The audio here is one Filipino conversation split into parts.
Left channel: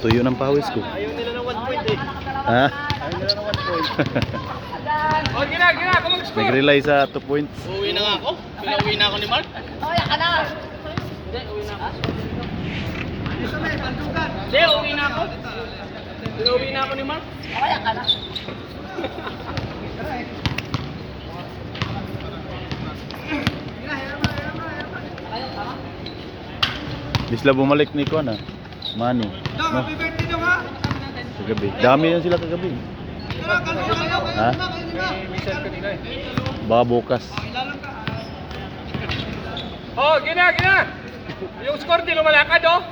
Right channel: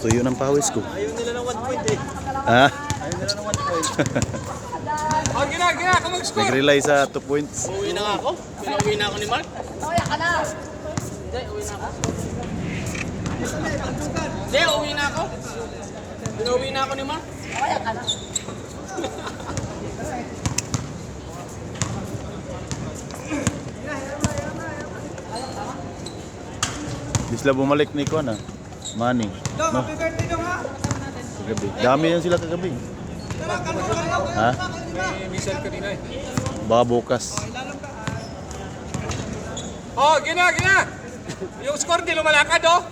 Tuyo ng pawis ko. Ayaw nila ng 1 point eh. Ha? Ayaw nila ng 1 point. Nag-rely sa 2 points. Uuwi na nga ako. Pinauwi na ako ni Mark. Hindi, uuwi na ako. Pinauwi na ako ni Mark. Di sila bumalik ni Kuan Manny. No? Kagabi. Dami yan sila kagabi. Ha? Baka bukas. Oh, gina. Yung score di lumalakad, oh.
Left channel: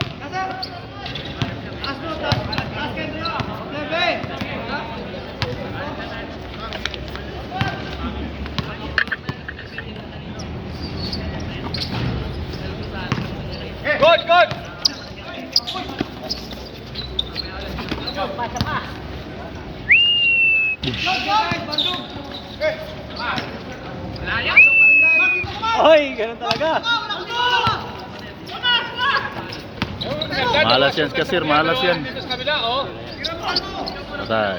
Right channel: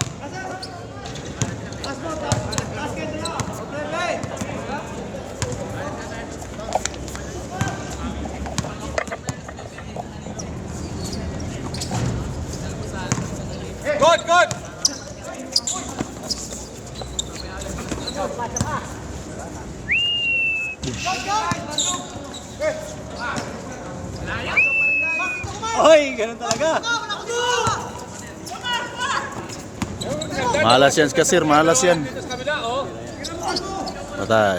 Good. Oy, ganun talaga. Malas yan, kasir. Malas yan. Sa kabila, oh. Patay.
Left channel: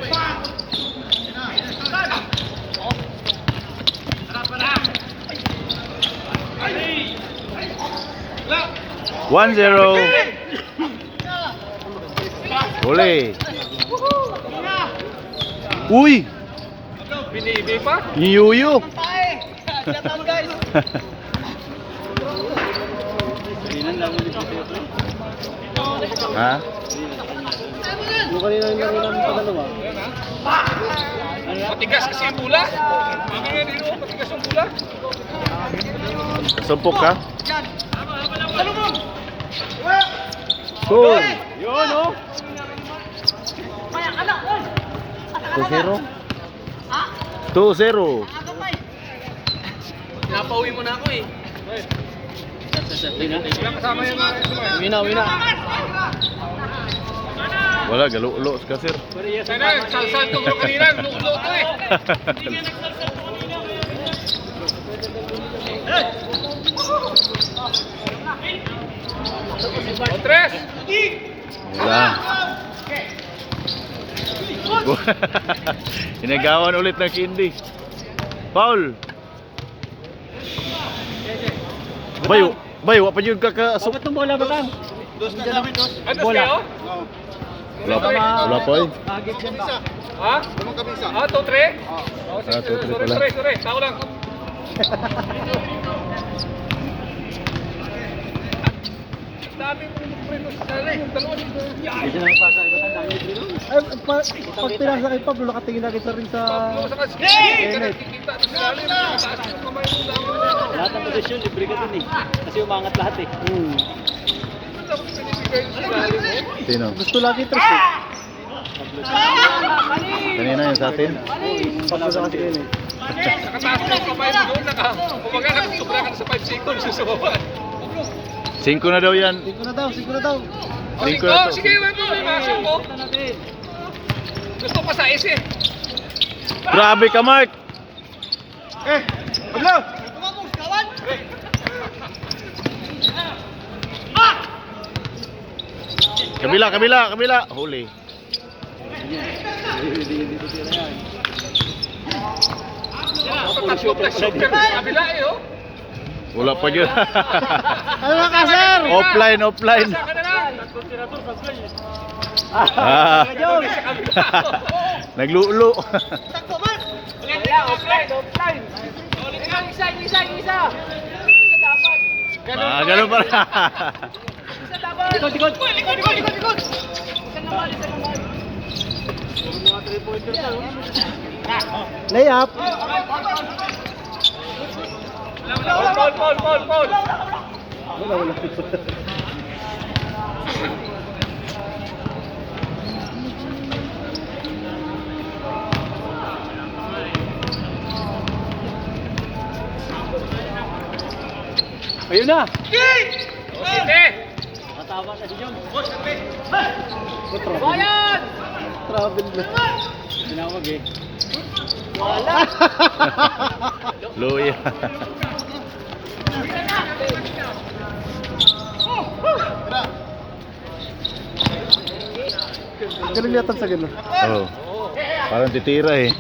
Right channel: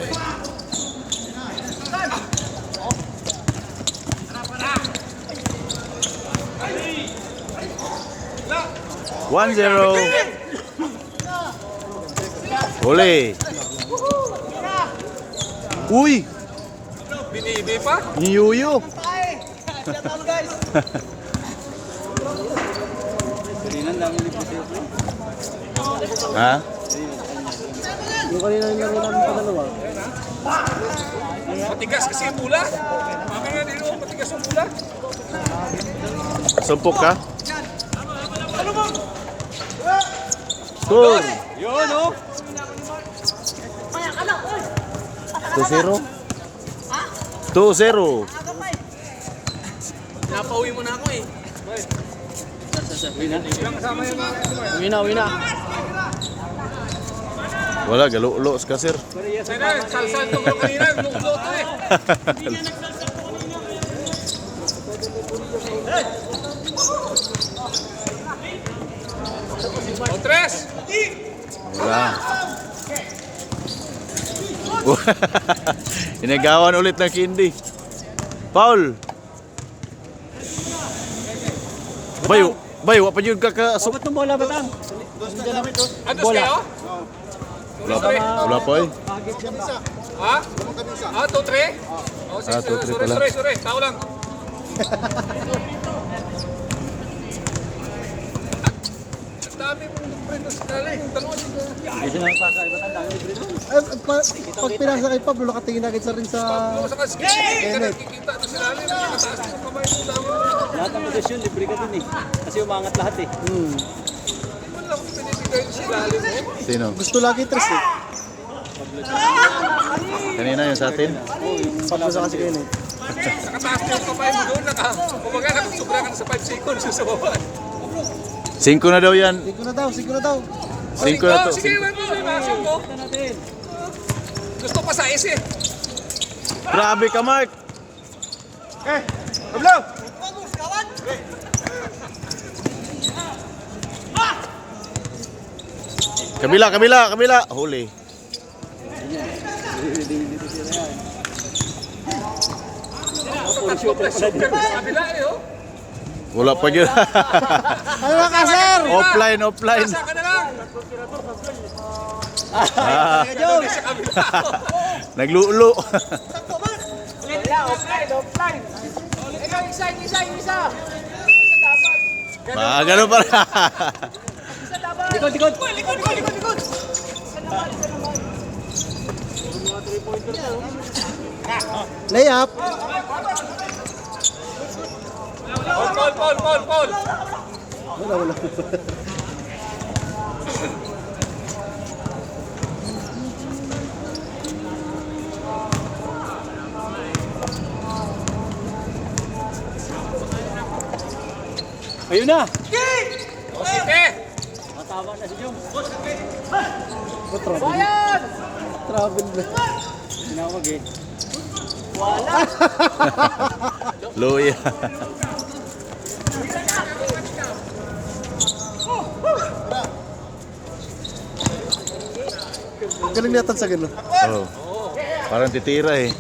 One zero. Boleh. Uy, Binibi pa. Yuyu. guys. Kanina lang ulit po siya. Ha? Yung kanina lang dalawa. Matigas kasi yung bula. Matigas yung bula. Sumpok ka? Score. Yun, oh. 2-0. 2-0. Napauwi mo na ako eh. Uwi na. Wala, galo-ulo sa kasir. Sana, salsal ko kanina. Lulo to eh. Tres. Wala. Inagawan ulit ng Kindi. Paul. Bayo, apa juga ka asok? Ba't yung bola ba tam? Antes kayo? Wala pa eh. Bagit dyan ba? Ha? Ah, 2-3? Oh, Ah, 2-3 pala. Sorry. Tao lang. Dami po yung dalawa dito. Hindi na napasa. Iba ang dami libre doon. Pag pinasa kay Pablo, nakatingin agad sa rin sa... Saka sige, nakikita sa lalim. Mataas yung kamay mo lang. Lahat ng posisyon, libre ka dun eh. Kasi umangat lahat eh. Binibigay mo sa lalim mo. Sino? Gusto lagi tres eh. Kanina yung sa atin? Pablo sa kasi yun. Nakataas na yung kamay mo doon. Kumaga nakasubra ka sa 5 seconds yung sa baba. 5 na daw yan. Siko na daw. 5 na Oh, to. sige, wala mo. Gusto pa sa is eh. Grabe ka, Mark. Kabila. Huli. Kabila eh, oh. Wala pa yun. Ano ka, sir? Offline. Saka na lang. Ah. Naglulo. Offline. Isa. Ganun pa rin. Likod. Layup. Paul. Wala. Ayun na. Sige. Matawa na si Jom. Travel ba? Tinawag eh. Luya. Oh! Galing yata sa gano'n. Oh. Parang titira eh.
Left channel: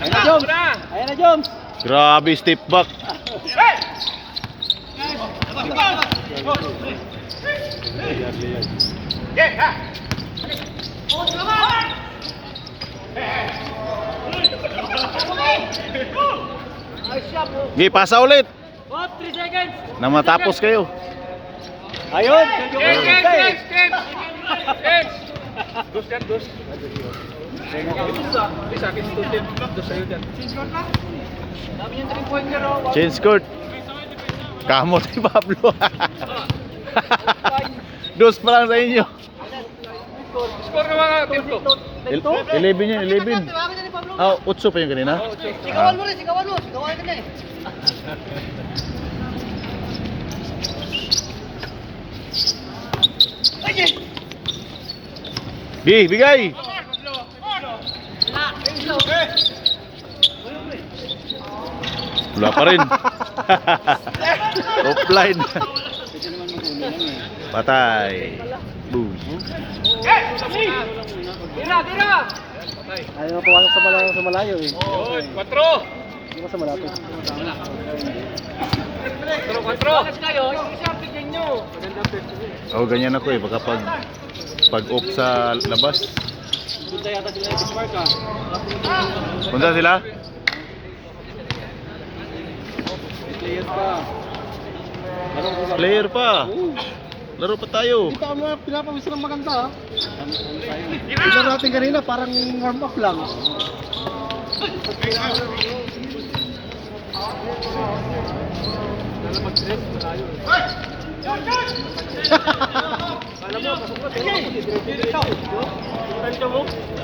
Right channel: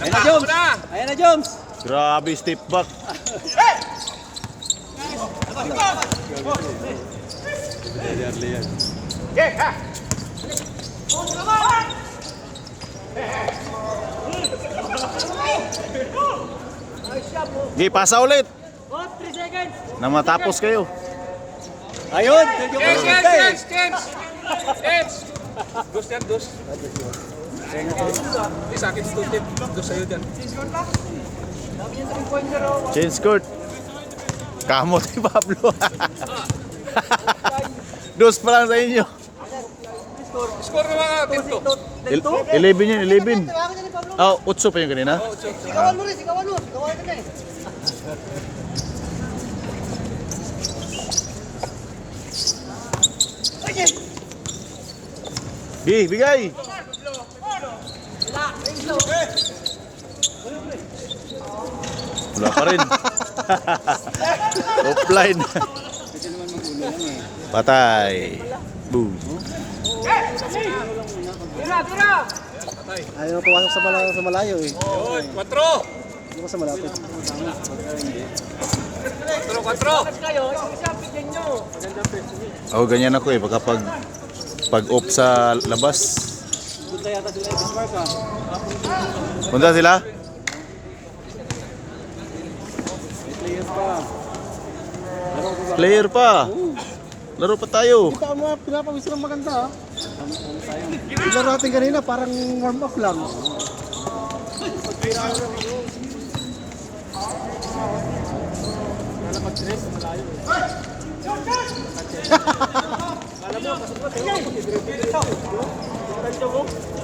Ayan na, Jones! Ayan na, Jones! Grabe step back. Gi, pasa ulit. Na matapos kayo. Ayun! James, James, James, James. Dos yan, dos. Sa akin, student. Dos sa'yo dyan. Change court. Kamot ni Pablo. Dos pa lang sa inyo. Score na mga team to. 11 yun, 11. Ah, 8 pa yung kanina. Sigawan mo rin, sigawan mo. Sigawan ka na eh. Gi, bigay. Wala pa rin. Offline. Patay. Boom. Ayaw ko ako sa malayo eh. 4. Hindi ko sa malapit. 4. Oh, ganyan ako eh. Baka pag off sa labas. Punta yata sila yung Bismarck ah. Punta sila? Players pa. Player pa. Laro pa tayo. Kita mo, pinapawis lang maganda ah. Tignan natin kanina, parang warm up lang.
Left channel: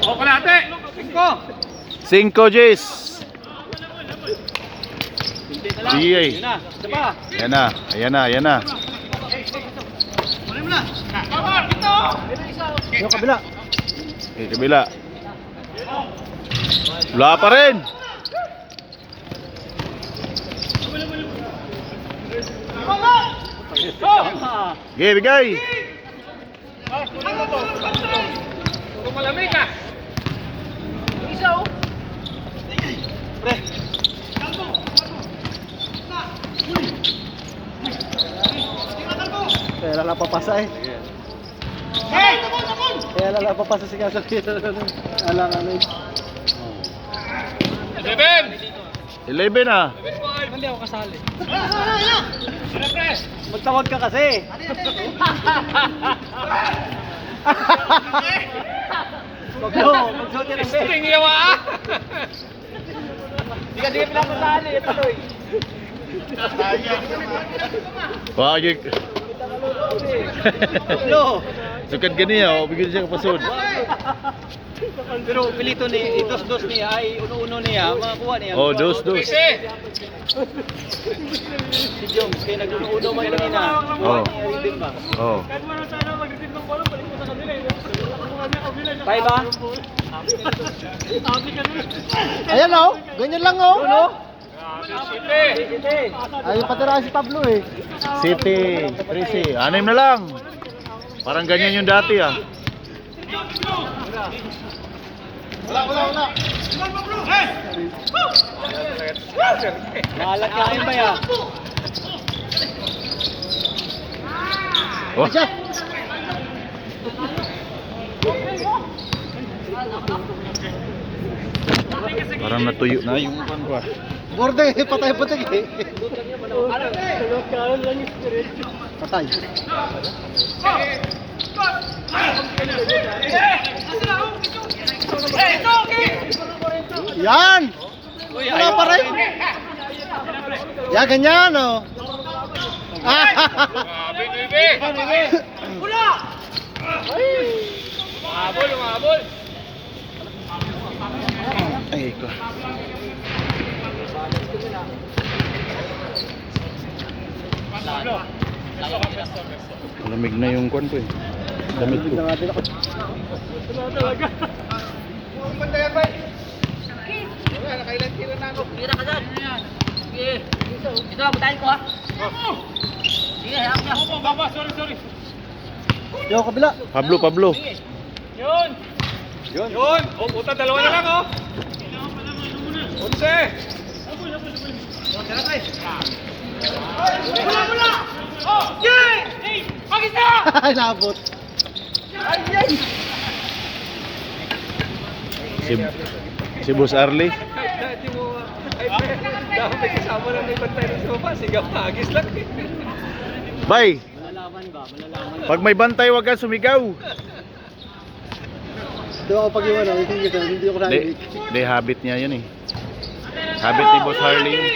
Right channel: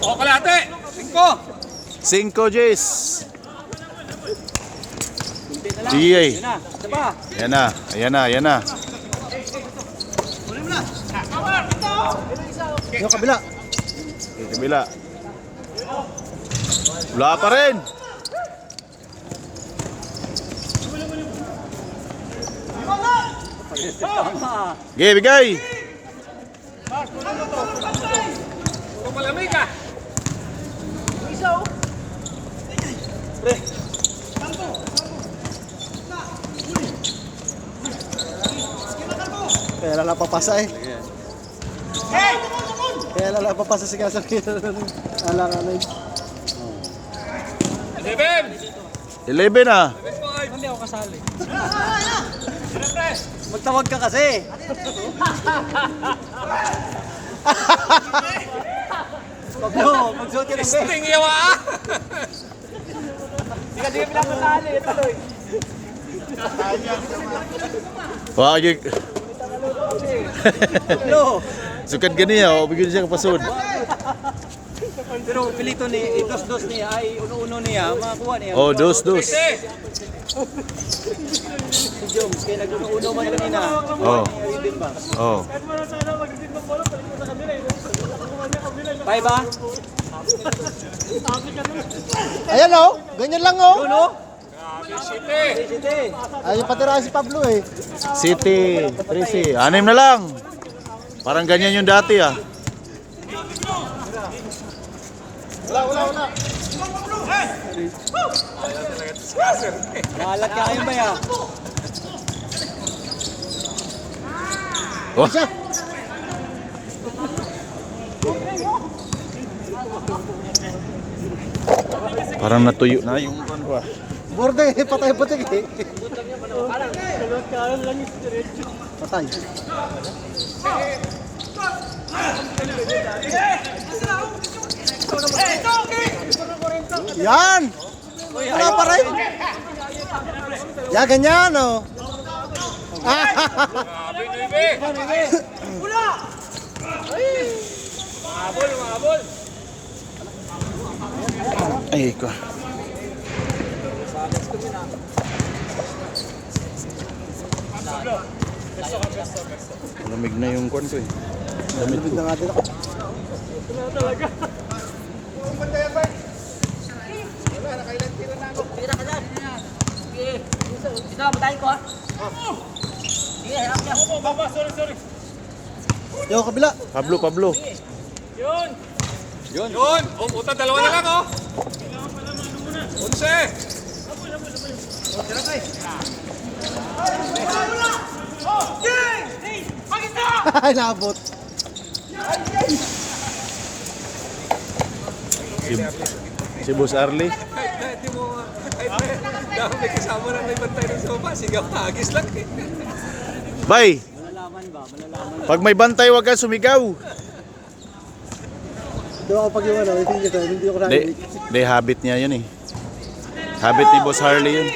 O, kalate. 5. 5 Jays. Sige. Ayan na. Ayan na. Ayan na. Yung kabila. Okay, kabila. Wala pa rin. Okay, bigay. Kung malamig ka. Kaya lala papasa eh. Kaya lala papasa si Kasar. Alang-alang eh. 11. 11 na. Hindi ako kasali. Magtawag ka kasi. Pablo, magsuot yan ang best. Sting yawa. Hindi ka bilang kasali. Tuloy. Wagi. Pablo. Sukat gani ah. Bigyan siya kapasod. Pero pilito ni dos-dos niya ay uno-uno niya. Makakuha niya. Oh, dos. Si Jones, kaya nag-uno man kanina. Oh. Oh. Tayo ba? Ayan o, ganyan lang o. Uno? Ay, patira si Pablo eh. City. 13. 6 na lang. Parang ganyan yung dati ah. Nalat ka kayo ba yan? Oh. Parang natuyo na yung kan ko ah. Borde, patay-patay eh. Patay. Yan! Wala pa rin. Ya, ganyan o. Umabol. Ay ko. Lamig na yung kwan ko eh. Lamig ko. natin ako. Tira ka dyan. Sige. Dito lang, butahin ko ha. Sige, hayaan ko na. Baba, sorry. Yo, kabila. Pablo. Yun! O, puta, dalawa na lang, oh! 11! Ay, naabot. Si Boss Arlie. Dati mo, dahil may kasama na may bantay ng sopa, sigaw hagis lang eh. Bay! Pag may bantay, wag kang sumigaw. Di ako pag-iwan, hindi ako Hindi, habit niya yun eh. Habit ni Boss Harley yun.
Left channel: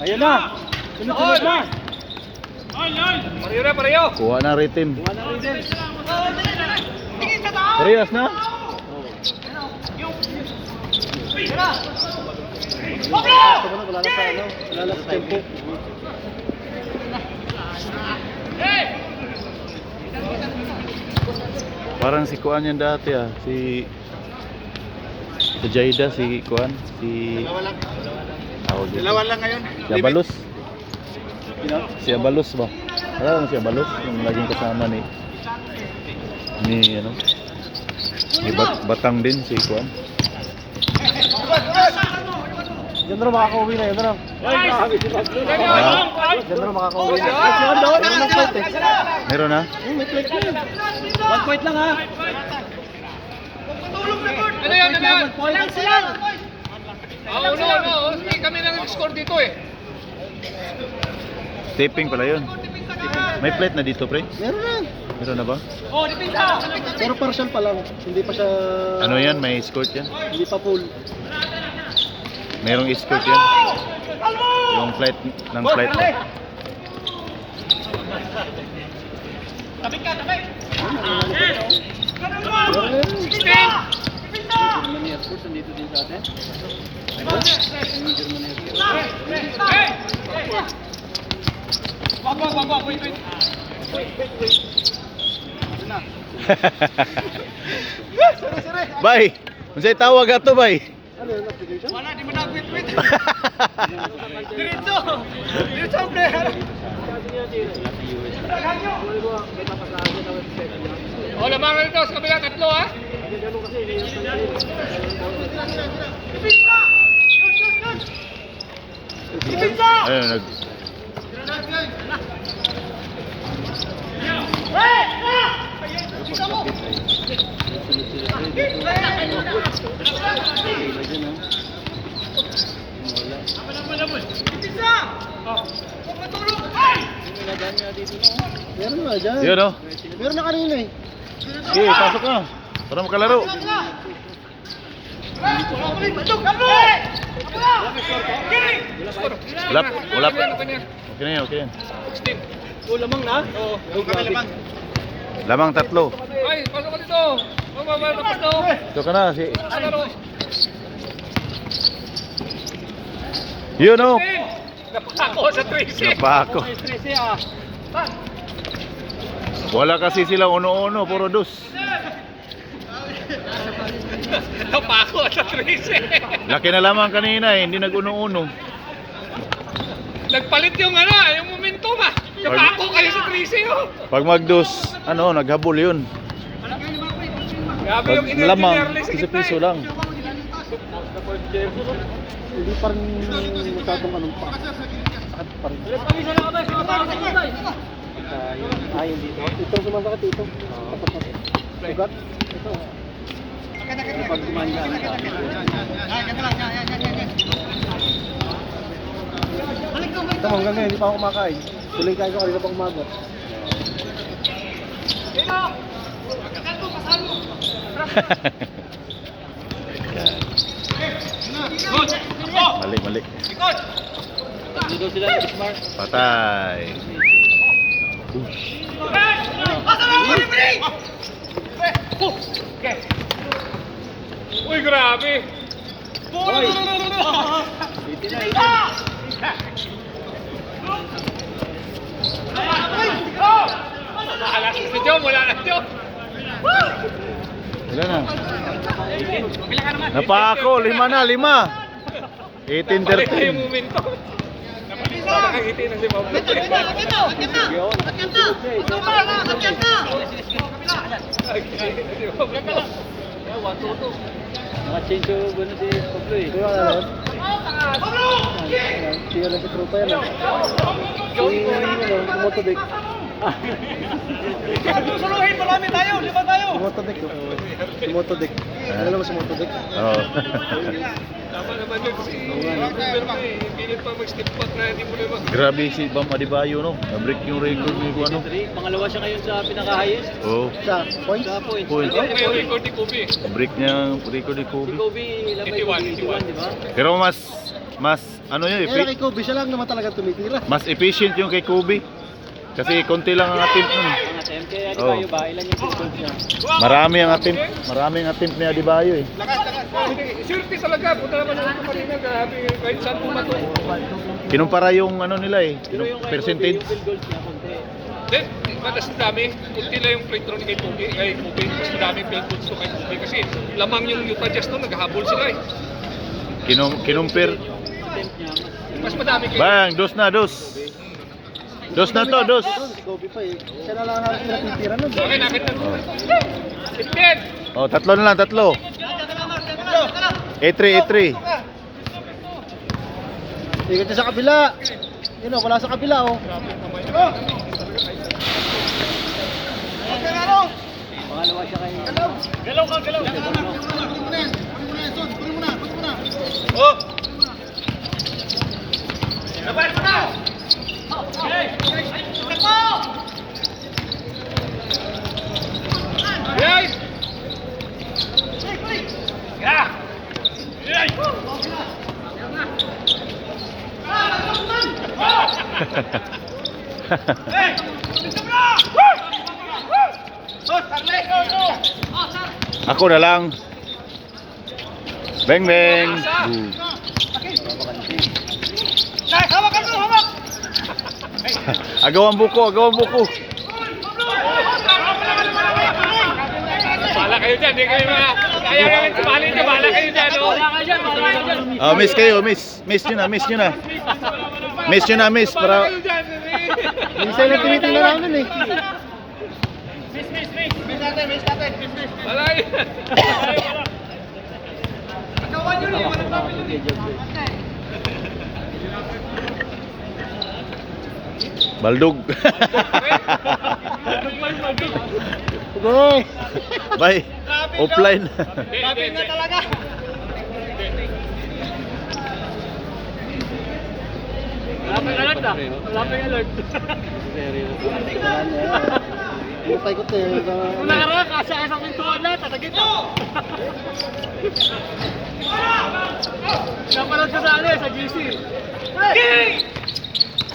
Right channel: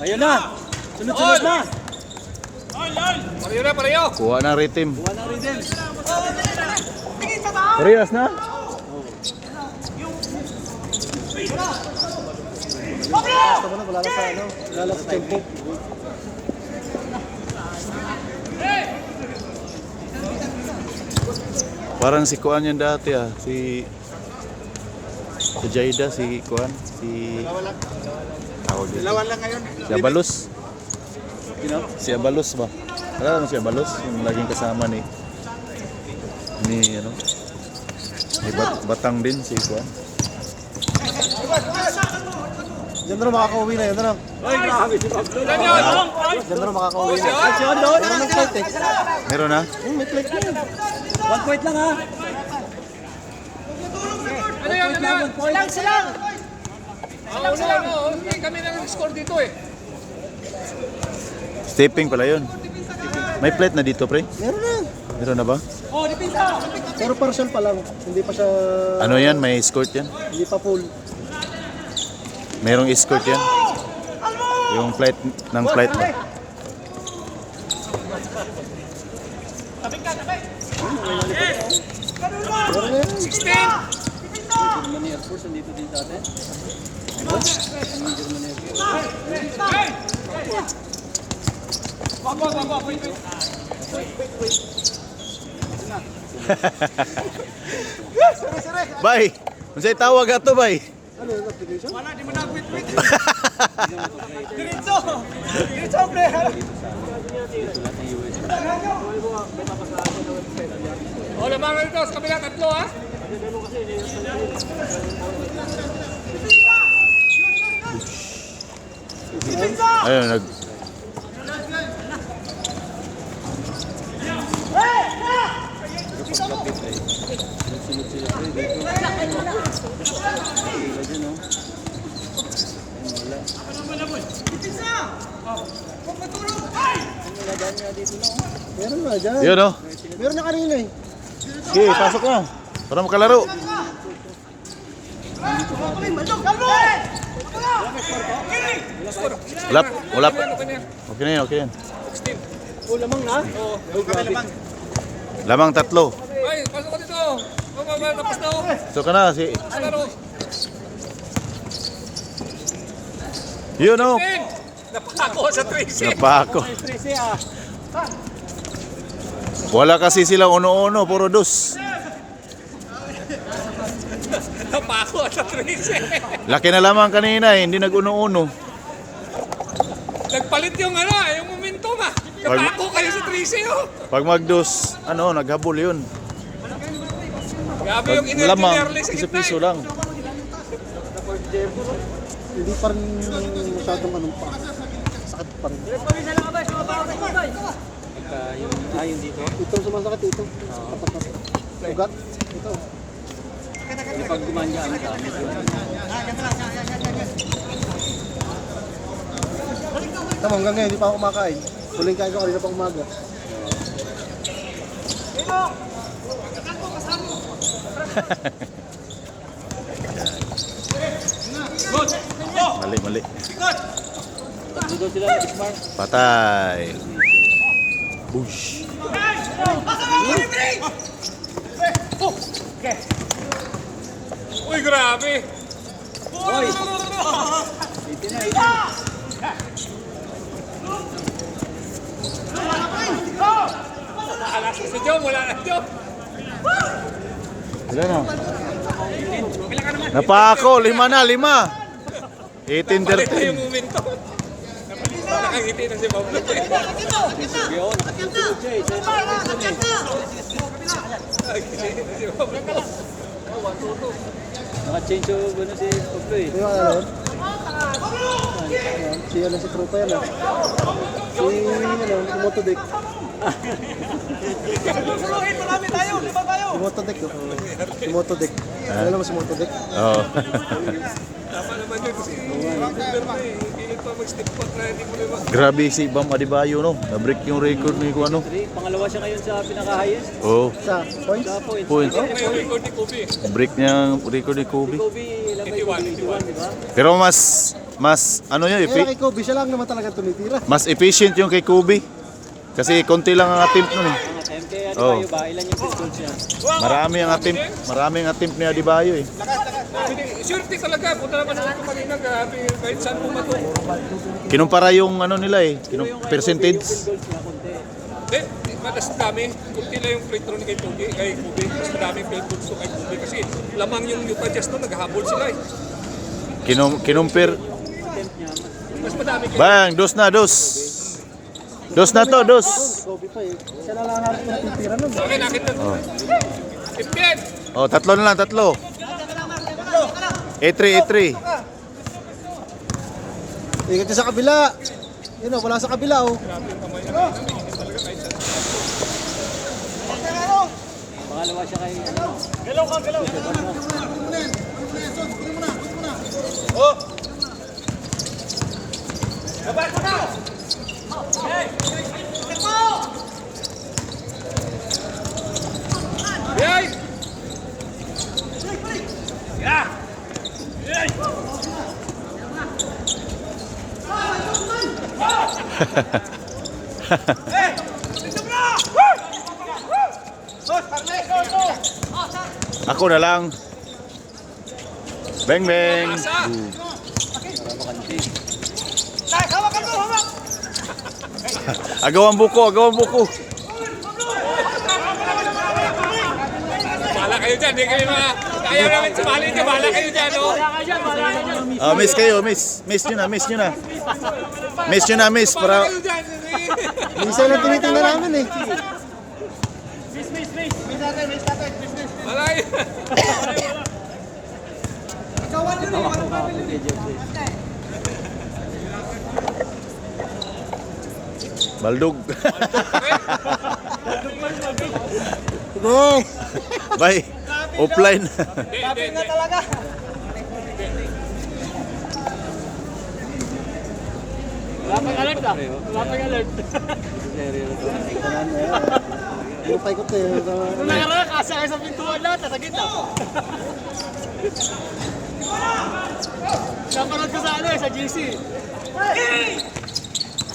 Ayun na. Sunod-sunod na. Pareho na, pareho! Kuha na rhythm. Parehas na? Wala na sa ano. Wala na sa tempo. Parang si Kuan yan dati ah. Si Jaida, si Kuan. Dalawa lang ngayon. Si Abalos. Si Abalos ba? Alam mo si Abalos? Yung laging kasama ni ano? May batang din si Kuan. Diyan na rin makaka-uwi na. Yan na lang. Diyan na rin makaka-uwi na. Meron ng flight eh. Meron na? May flight na yun. 1 point lang ha. Ano yan? Oo, hindi kami nang score dito eh. Stepping pala yun. May plate na dito, pre? Meron na. Meron na ba? Pero partial pa lang. Hindi pa siya... Ano yan? May escort yan? Hindi pa full. Merong escort yan? Yung flight ng flight mo. Bay! Unsay tawag ato, bay? Wala, di mo na quit. Diretso ang player. O, lamang na dito sa kabila, tatlo ha. Ayun, Meron na dyan. Yun, oh. Meron na kanina eh. Sige, pasok na. Para makalaro. Wala pa. Okay na yan, okay yan. Lamang na. Lamang tatlo. Ay, pasok ko dito. Tapos to. Ito ka na, si... Yun, oh. Ako sa 13. Napako. 13 ah. Wala kasi sila uno-uno, puro dos. Napako sa 13. Laki na lamang kanina eh, hindi nag-uno-uno. Nagpalit yung ano, yung momentum ah. Napako kayo sa 13 oh. Pag mag-dos, ano, naghabol yun. Grabe Pag yung energy lamang, level sa piso-piso lang. Hindi pa rin masyadong anong pa. Sakit pa rin. Ayun dito. Ito sumasakit ito. Ugat. Ito. Pag gumangaan ka. Tama, hanggang ngayon, hindi pa ako kumakain. Tuloy kain ko kanina pa umaga. Mali. Tatlo daw sila ng Bismarck. Patay. Ush. Uy, grabe. Alas si Jom, wala na Jom. Wala na. Napako, 5 na. 18-13. Yung momentum. Nakangiti na si Pablo. Yun, nakasunod siya eh. Nakangiti na si Pablo. Naka-change yung gano'n si Pablo eh. Kaya ano yun? Siya lang si Truta yan ah. Si Motodek. Suluhin, marami tayo, di ba tayo? Si Motodek oh. Si Motodek. Alam mo si Motodek? Oo. Tama naman yun kasi hindi pa mag-step back na hindi mo naman. Grabe si Bam Adebayo, no? Na-break yung record ni Kuano. Pangalawa siya ngayon sa pinaka-highest. Oo. Sa points? Sa points. Points. Ngayon record ni Kobe. Na-break niya yung record ni Kobe. Kobe, labay 81, di ba? Pero mas ano yun, Kaya kay Kobe siya lang naman talaga tumitira. mas efficient yung kay Kobe. Kasi konti lang ang attempt nun eh. Ang attempt kay Oo. Adebayo ba? Ilan yung field goals niya? Maraming attempt ni Adebayo eh. Surety talaga, punta naman sa kanina, grabe, kahit saan mo na to. Kinumpara yung ano nila eh, percentage. Field goals niya, konti. Hindi, mas dami. Kunti lang yung free throw ni kay Kobe. Mas madaming field goals to kay Kobe. Kasi lamang yung Utah Jazz doon, naghahabol sila eh. Kinumpir. Attempt niya. Mas madami kay Bang, dos. Dos na to, dos. Si Kobe pa eh. Siya na lang natin natitira nun. Okay, nakita mo. 15! Oh, tatlo na lang, tatlo. A3. Ikot niya sa kabila. Yun oh, wala sa kabila oh. Pangalawa siya kay... Hey! Ako na lang. Bang. Agawan buko. Bahala kayo dyan, hindi kayo mga... Kaya namin sumali niya, bahala kayo dyan, no? Ah, miss kayo, miss. Miss nyo na. Miss nyo na, miss. Para... Kayo dyan, Minsan lang tinitingnan namin eh. bahala kayo. Baldog. Sige. Bye. Offline. Sabi nga talaga. Butay ko tayo. Kasi ang isang pintuan lahat, sa gitna. Napanood ko sa ano sa GC.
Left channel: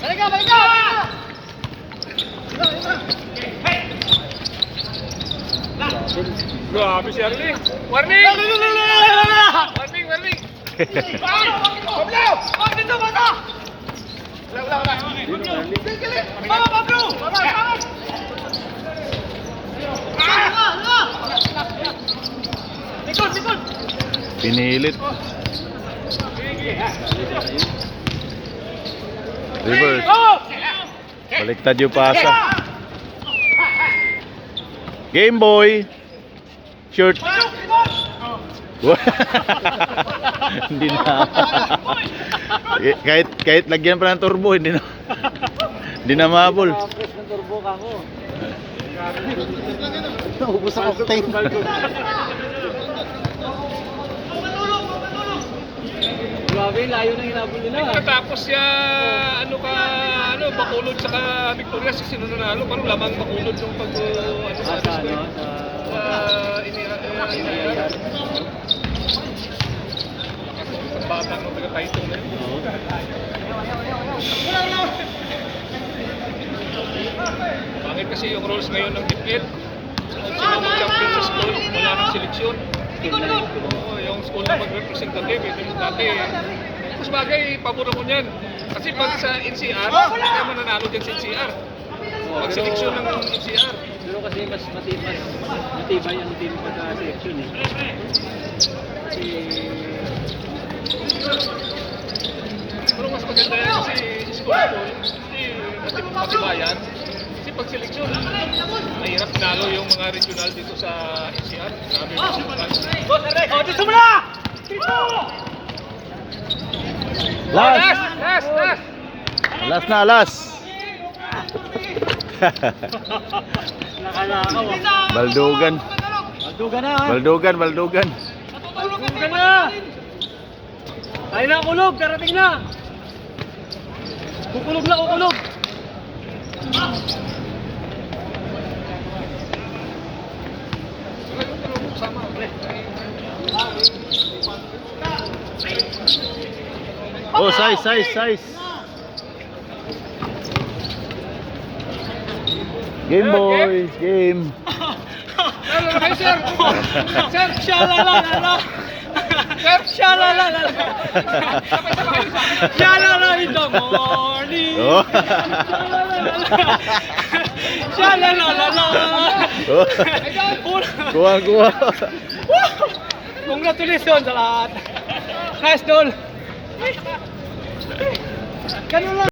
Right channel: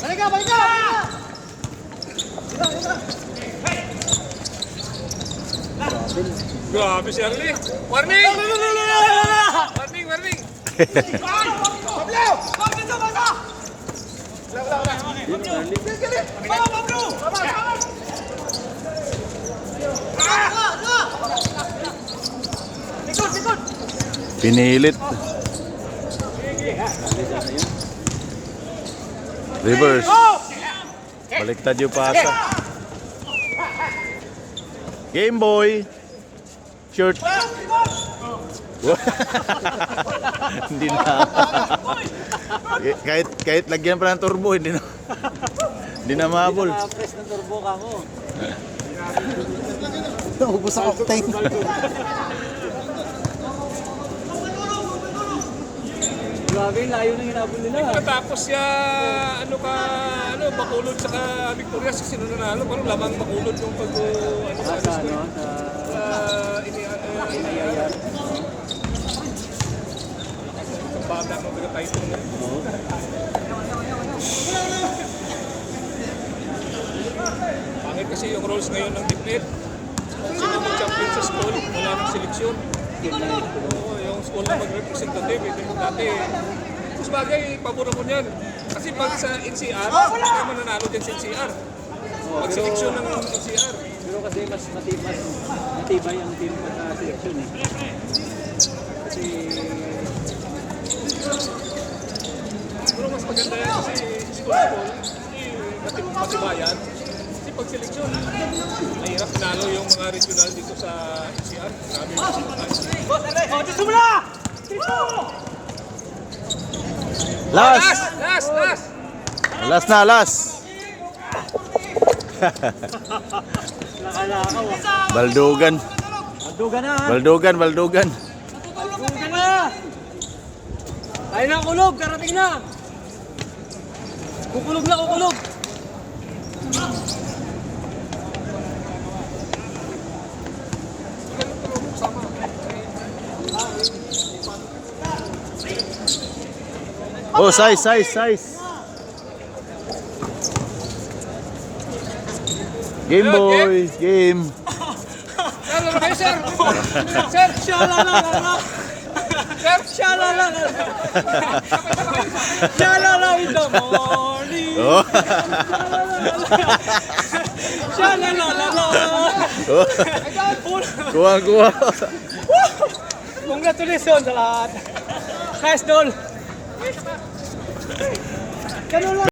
Balik ka! Grabe si Arlie. Warning! Warning! Pinilit. Reverse. Baliktad yung pasa. Game boy. Shirt. Hindi na. kahit lagyan pa ng turbo, hindi na mahabol. Press ng turbo ka mo. Ubus ang octane. Grabe, layo na hinabol nila. Tapos siya, Bacolod saka Victoria, si sino nanalo? Parang lamang Bacolod nung pag, sa Sa ano, bata ng taga-title na. Pangit kasi yung roles ngayon ng DPL. Kung sino mag-champion sa school, wala ng seleksyon. Oo, yung school na mag-representative, hindi mo dati. Mas bagay, pabura mo niyan. Kasi pag sa NCR, hindi ka mananalo dyan sa NCR. Pag seleksyon ng NCR. Pero kasi mas matibay ang team pagka-selection eh. Kasi Pero mas maganda yan kasi school, hindi matibayan. Kasi pag seleksyon, mahirap pinalo yung mga regional dito sa NCR. Sabi mo, Oh, dito mo na! Last! Last na, last! Baldugan. Duga na ha. Baldugan, baldugan. Duga na. Tayo na kulog, darating na. Kukulog na, kukulog. Oh, size. Game boys, game. Shalalala. Shalalala. Shalala in the morning. Oh. Shalalala. Oh. Kuha. Congratulations sa lahat. Nice doll. Ganun lang.